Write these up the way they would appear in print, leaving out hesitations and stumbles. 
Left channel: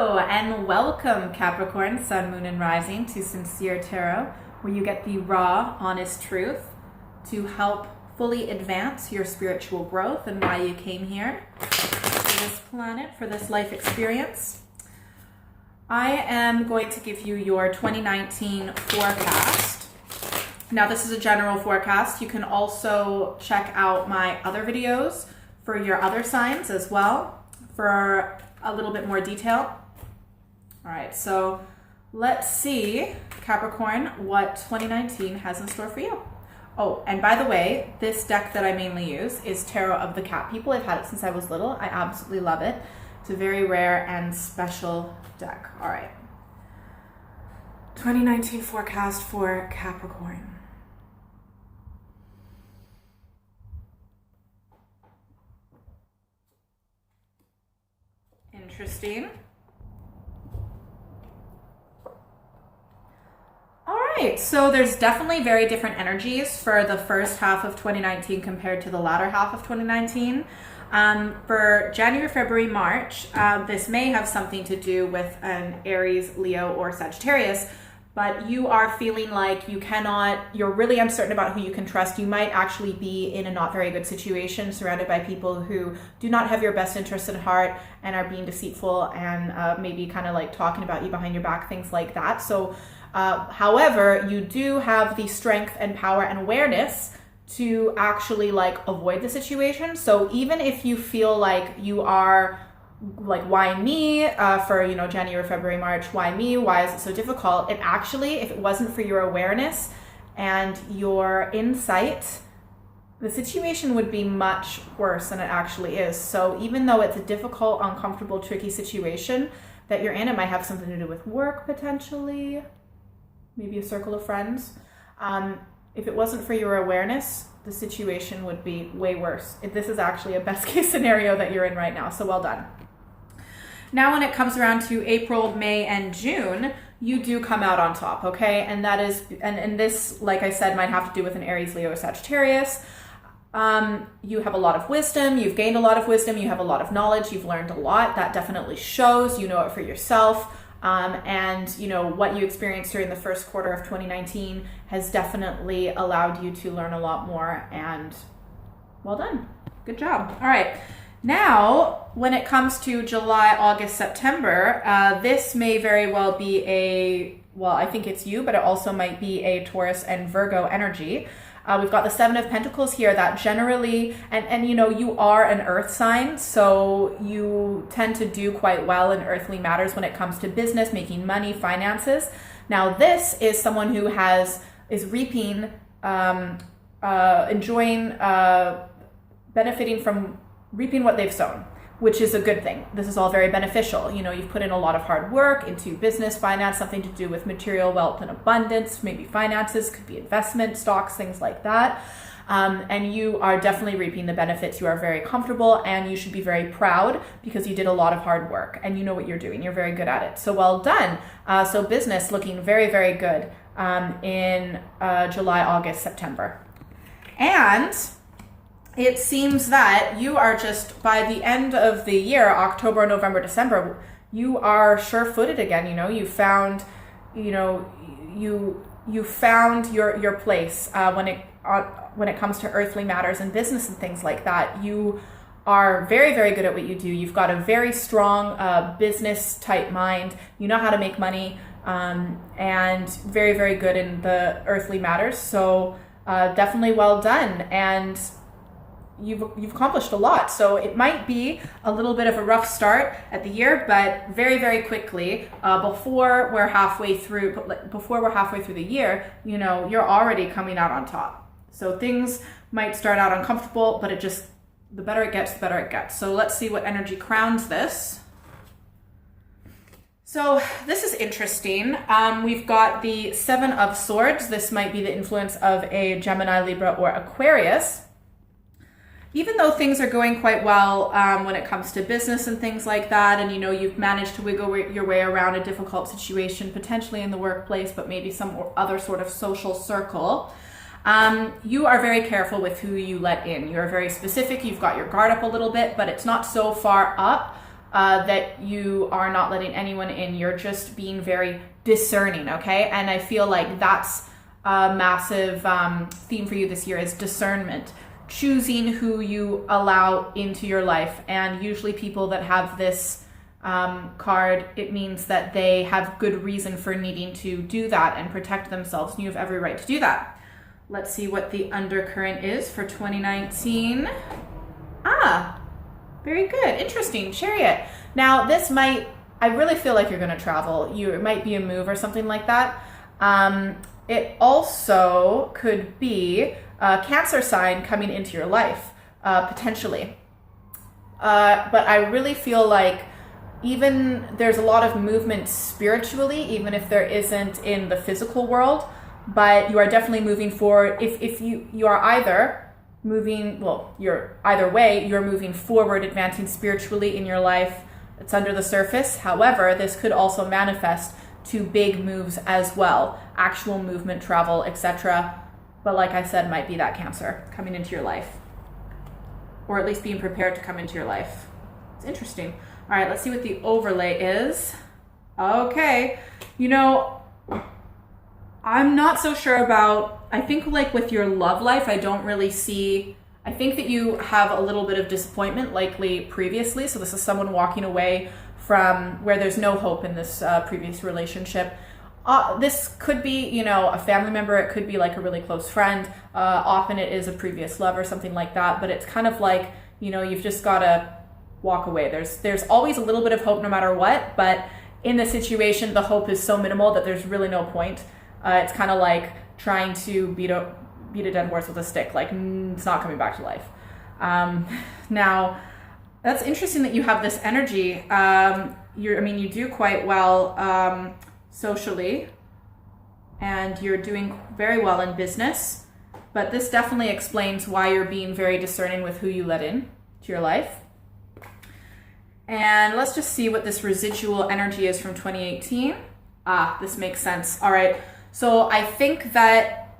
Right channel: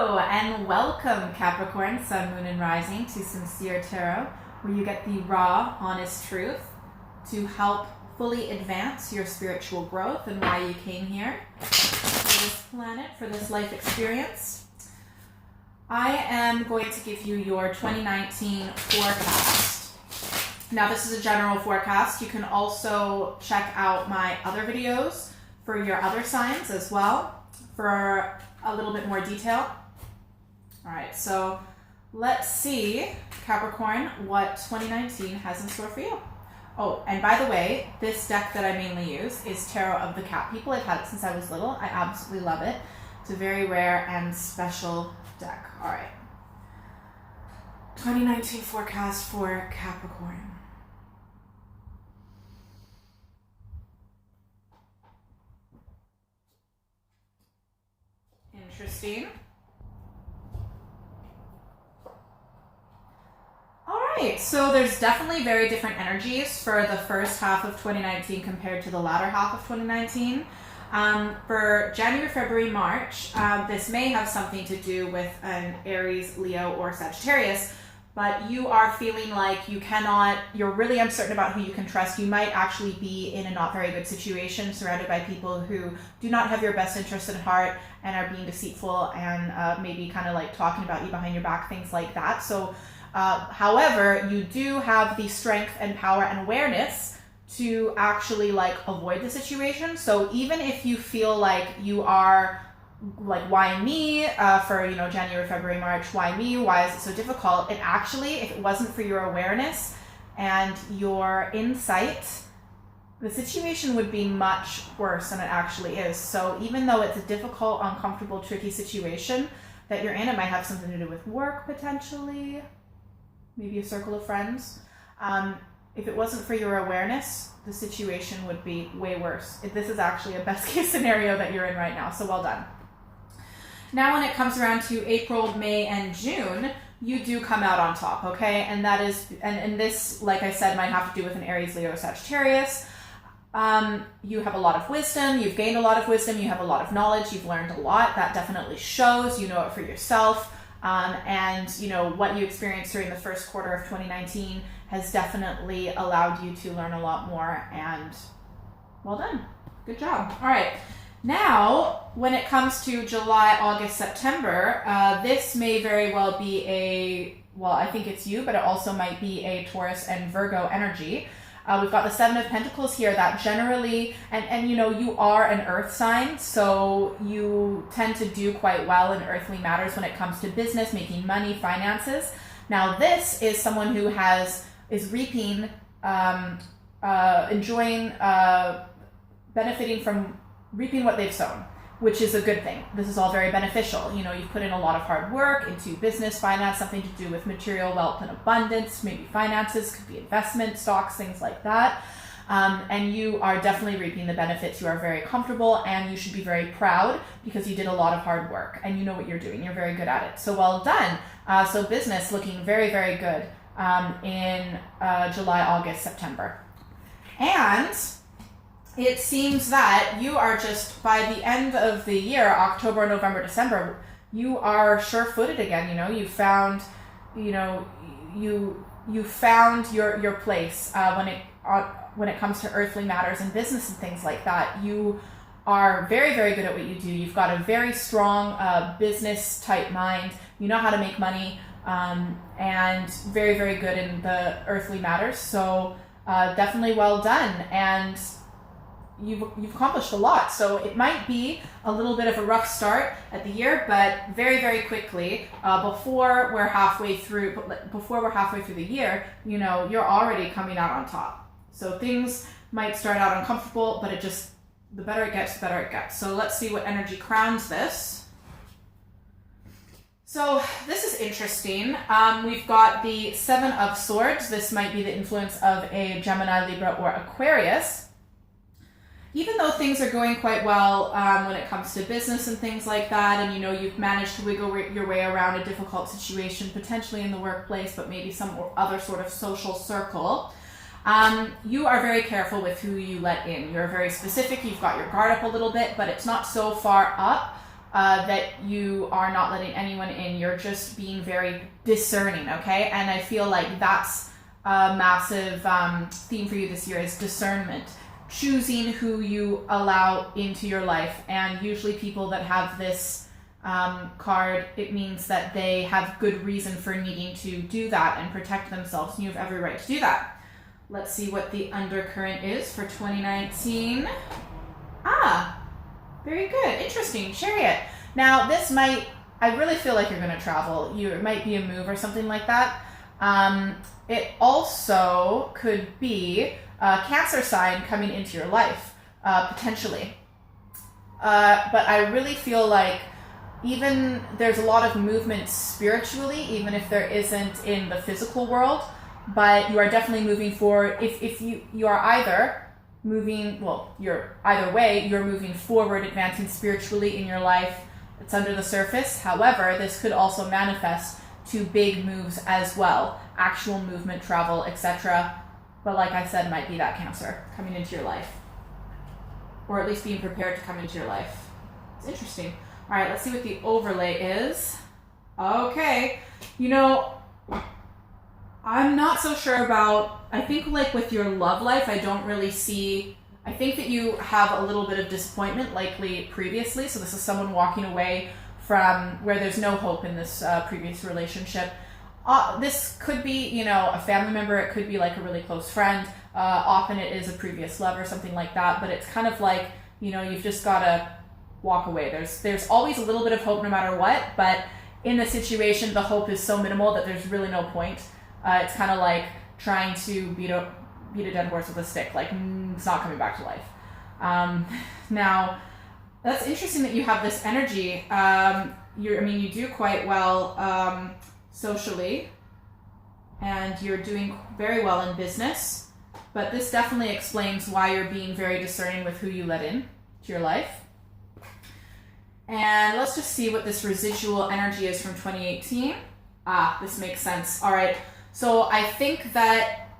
Hello and welcome Capricorn, Sun, Moon, and Rising to Sincere Tarot, where you get the raw, honest truth to help fully advance your spiritual growth and why you came here to this planet for this life experience. I am going to give you your 2019 forecast. Now this is a general forecast. You can also check out my other videos for your other signs as well for a little bit more detail. All right, so let's see, Capricorn, what 2019 has in store for you. Oh, and by the way, this deck that I mainly use is Tarot of the Cat People. I've had it since I was little. I absolutely love it. It's a very rare and special deck. All right. 2019 forecast for Capricorn. Interesting. All right, so there's definitely very different energies for the first half of 2019 compared to the latter half of 2019. For January, February, March, this may have something to do with an Aries, Leo, or Sagittarius, but you are feeling like you're really uncertain about who you can trust. You might actually be in a not very good situation, surrounded by people who do not have your best interest at heart and are being deceitful and maybe kind of like talking about you behind your back, things like that. So, however, you do have the strength and power and awareness to actually like avoid the situation. So even if you feel like you are like, why me, for, January, February, March, why me? Why is it so difficult? It actually, if it wasn't for your awareness and your insight, the situation would be much worse than it actually is. So even though it's a difficult, uncomfortable, tricky situation that you're in, it might have something to do with work potentially, maybe a circle of friends. If it wasn't for your awareness, the situation would be way worse. This is actually a best case scenario that you're in right now, so well done. Now when it comes around to April, May, and June, you do come out on top, okay? And that is, and this, like I said, might have to do with an Aries, Leo, or Sagittarius. You have a lot of wisdom, you've gained a lot of wisdom, you have a lot of knowledge, you've learned a lot. That definitely shows, you know it for yourself. And what you experienced during the first quarter of 2019 has definitely allowed you to learn a lot more, and well done. Good job. All right. Now, when it comes to July, August, September, this may very well be I think it's you, but it also might be a Taurus and Virgo energy. We've got the Seven of Pentacles here that generally, and you are an earth sign, so you tend to do quite well in earthly matters when it comes to business, making money, finances. Now this is someone who is reaping, enjoying, benefiting from reaping what they've sown, which is a good thing. This is all very beneficial. You've put in a lot of hard work into business, finance, something to do with material wealth and abundance, maybe finances, could be investment, stocks, things like that. And you are definitely reaping the benefits. You are very comfortable and you should be very proud because you did a lot of hard work and you know what you're doing. You're very good at it. So well done. So business looking very, very good in July, August, September. And it seems that you are just, by the end of the year, October, November, December, you are sure-footed again. You found, you found your place when it comes to earthly matters and business and things like that. You are very, very good at what you do. You've got a very strong business type mind. You know how to make money, and very, very good in the earthly matters. So definitely well done. And you've accomplished a lot. So it might be a little bit of a rough start at the year, but very, very quickly, before we're halfway through the year, you're already coming out on top. So things might start out uncomfortable, but the better it gets, the better it gets. So let's see what energy crowns this. So this is interesting. We've got the Seven of Swords. This might be the influence of a Gemini, Libra, or Aquarius. Even though things are going quite well when it comes to business and things like that, and you've managed to wiggle your way around a difficult situation, potentially in the workplace, but maybe some other sort of social circle, you are very careful with who you let in. You're very specific. You've got your guard up a little bit, but it's not so far up that you are not letting anyone in. You're just being very discerning, okay? And I feel like that's a massive theme for you this year is discernment. Choosing who you allow into your life. And usually people that have this card, it means that they have good reason for needing to do that and protect themselves. And you have every right to do that. Let's see what the undercurrent is for 2019. Very good. Interesting. Chariot. Now, this might, I really feel like you're going to travel. It might be a move or something like that. It also could be a Cancer sign coming into your life, potentially. But I really feel like even there's a lot of movement spiritually, even if there isn't in the physical world, but you are definitely moving forward. If you are either moving, well, you're either way, you're moving forward, advancing spiritually in your life. It's under the surface. However, this could also manifest to big moves as well, actual movement, travel, etc. But like I said, might be that Cancer coming into your life, or at least being prepared to come into your life. It's interesting. All right, let's see what the overlay is. Okay, you know, I'm not so sure about, I think like with your love life, I don't really see, I think that you have a little bit of disappointment likely previously. So this is someone walking away from where there's no hope in this previous relationship. This could be, you know, a family member. It could be like a really close friend. Often it is a previous love or something like that. But it's kind of like, you know, you've just got to walk away. There's always a little bit of hope no matter what. But in the situation, the hope is so minimal that there's really no point. It's kind of like trying to beat a dead horse with a stick. Like, it's not coming back to life. Now, that's interesting that you have this energy. You do quite well socially, and you're doing very well in business. But this definitely explains why you're being very discerning with who you let in to your life. And let's just see what this residual energy is from 2018. This makes sense. All right. So I think that,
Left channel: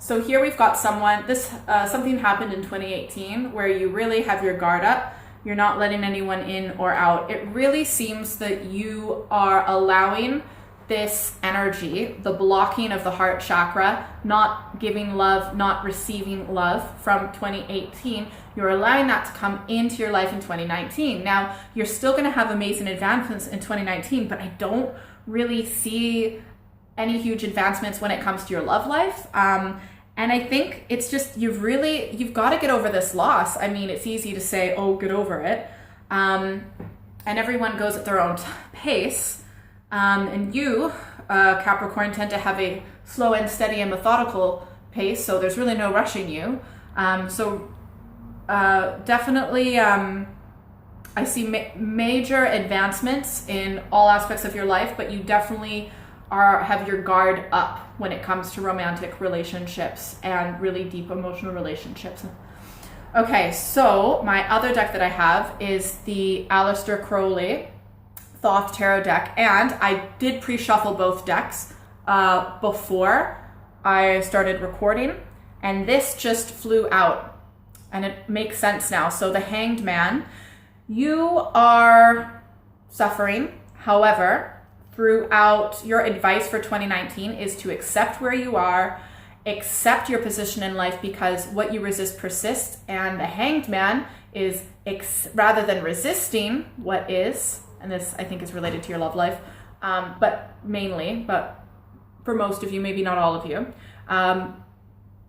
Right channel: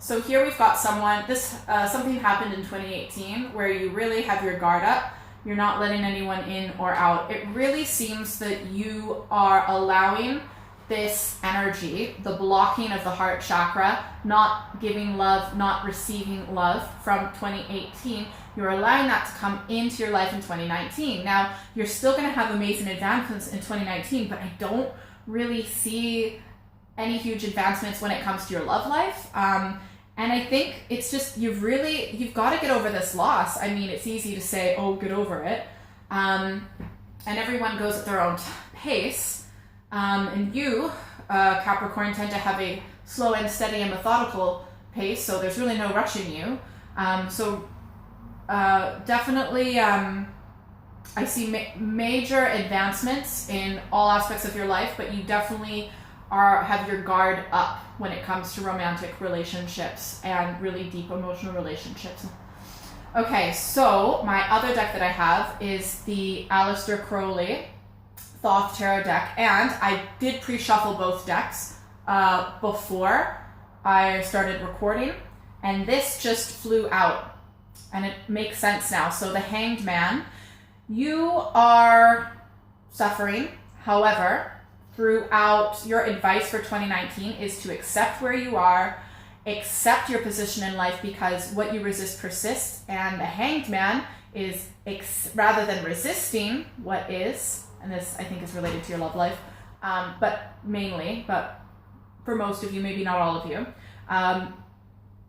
so here we've got someone, something happened in 2018 where you really have your guard up. You're not letting anyone in or out. It really seems that you are allowing this energy, the blocking of the heart chakra, not giving love, not receiving love from 2018. You're allowing that to come into your life in 2019. Now, you're still going to have amazing advancements in 2019, but I don't really see any huge advancements when it comes to your love life. And I think it's just, you've got to get over this loss. I mean, it's easy to say, oh, get over it. And everyone goes at their own pace. And you, Capricorn, tend to have a slow and steady and methodical pace, so there's really no rushing you. Definitely, I see major advancements in all aspects of your life, but you definitely have your guard up when it comes to romantic relationships and really deep emotional relationships. Okay, so my other deck that I have is the Aleister Crowley Thoth Tarot deck, and I did pre-shuffle both decks before I started recording, and this just flew out, and it makes sense now. So the Hanged Man, you are suffering. However, throughout, your advice for 2019 is to accept where you are, accept your position in life, because what you resist persists, and the Hanged Man is rather than resisting what is, and this I think is related to your love life, but for most of you, maybe not all of you,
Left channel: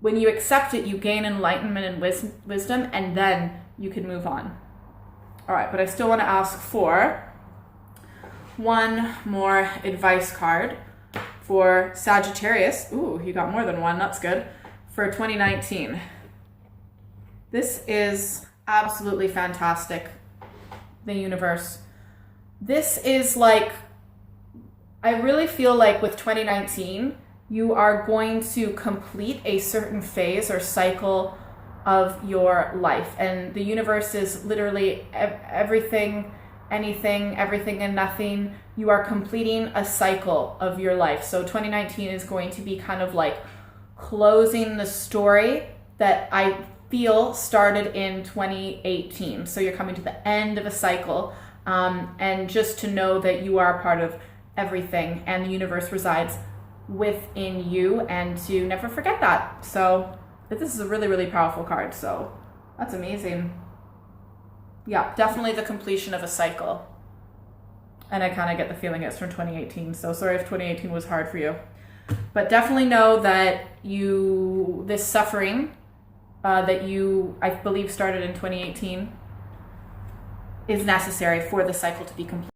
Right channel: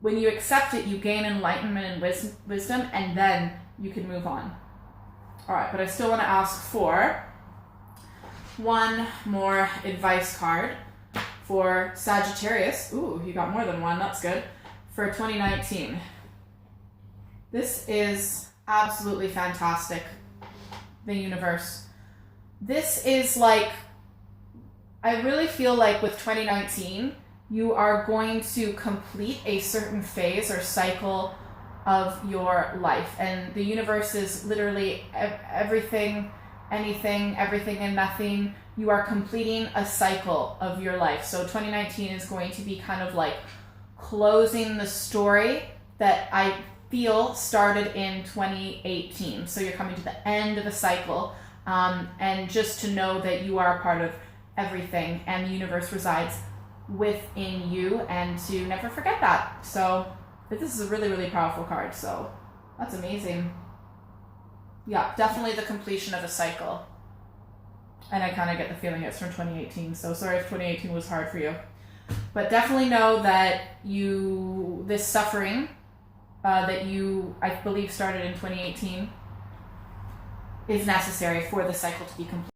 when you accept it, you gain enlightenment and wisdom, and then you can move on. All right, but I still want to ask for one more advice card for Sagittarius. Ooh, you got more than one. That's good. For 2019. This is absolutely fantastic. The universe. This is like, I really feel like with 2019, you are going to complete a certain phase or cycle of your life. And the universe is literally everything, anything, everything and nothing. You are completing a cycle of your life. So 2019 is going to be kind of like closing the story that I feel started in 2018. So you're coming to the end of a cycle and just to know that you are part of everything and the universe resides within you, and to never forget that. So this is a really, really powerful card. So that's amazing. Yeah, definitely the completion of a cycle. And I kind of get the feeling it's from 2018. So sorry if 2018 was hard for you. But definitely know that this suffering that I believe started in 2018 is necessary for the cycle to be complete.